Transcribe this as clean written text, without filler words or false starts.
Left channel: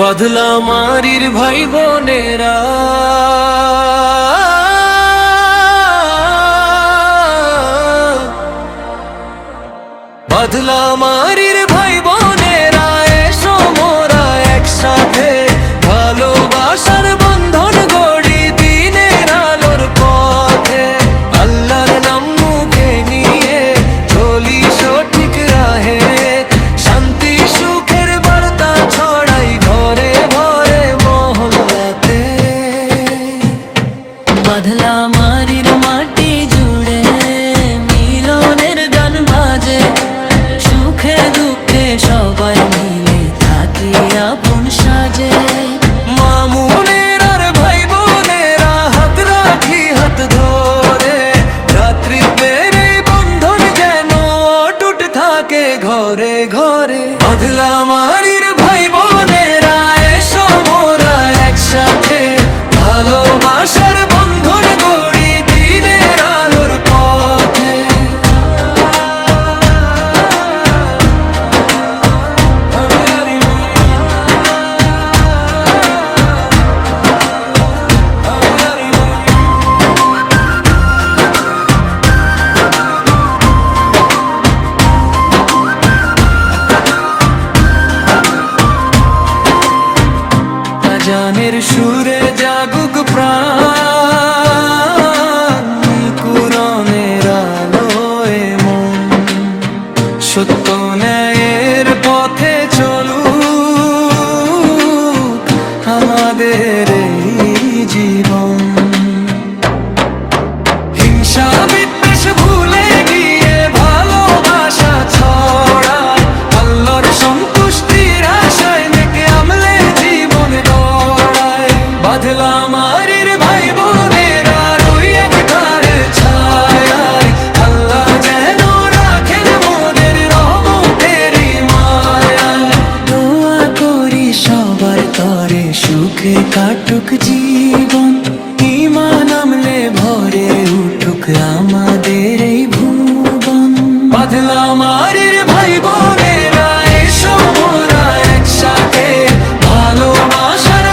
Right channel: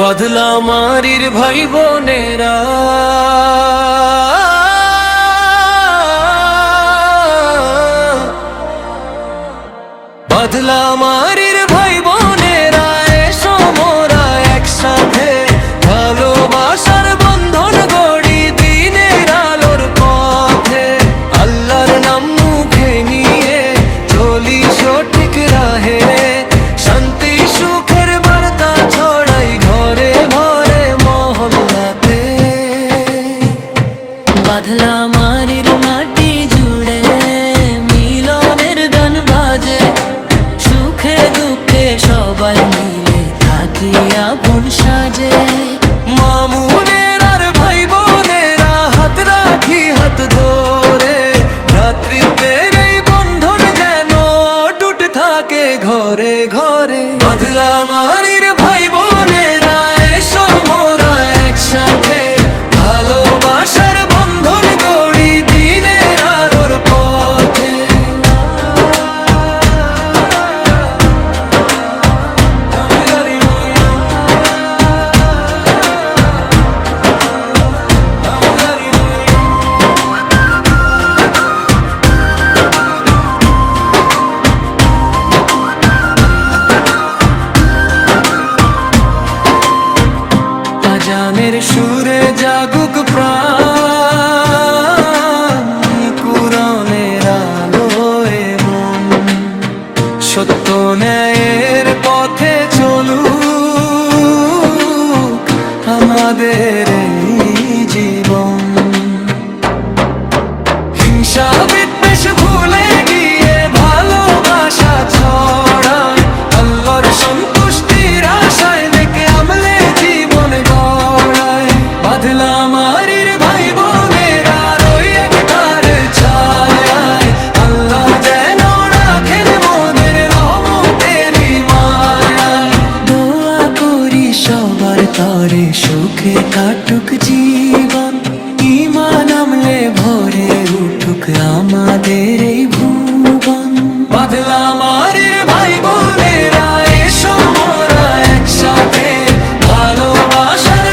বাদলা মারির ভাই বোনেরা, বাদলা মারির ভাই বোনেরা, এসো মোরা একসাথে ভালোবাসার বন্ধন গড়ি দিনের আলোর পথে। আল্লাহর নাম মুখে নিয়ে চলি সঠিক রাহে, শান্তি সুখের বার্তা ছড়াই ঘরে ঘরে মহল্লাতে। বাদলা মারির মাটি জুড়ে মিলনের গান বাজে, সুখে দুঃখে সবাই মিলে থাকি আপন সাজে। মামুনের আর ভাই বোনেরা হাত রাখি হাত ধরে, ভ্রাতৃত্বের এই বন্ধন যেন অটুট থাকে ঘরে ঘরে। বাদলা মারির ভাই বোনেরা, এসো মোরা একসাথে ভালোবাসার বন্ধন গড়ি দিনের আলোর পথে। আজানের সুরে জাগুক প্রাণ, কুরআনের আলোয় মন, সত্য ন্যায়ের পথে চলুক আমাদের এই জীবন। হিংসা বিদ্বেষ ভুলে গিয়ে ভালোবাসা ছড়ায়, আল্লাহর সন্তুষ্টির আশায় নেকে আমলে জীবন গড়ায়। বাদলা মারির ভাই বোনেরা ওই একতার ছায়ায়, আল্লাহ যেন রাখেন মোদের রহমতেরই মায়ায়। দোয়া করি সবার তরে সুখে কাটুক জীবন, ঈমান আমলে ভরে উঠুক আমাদের এই ভুবন। বাদলা মারির ভাই বোনেরা, এসো মোরা একসাথে ভালোবাসার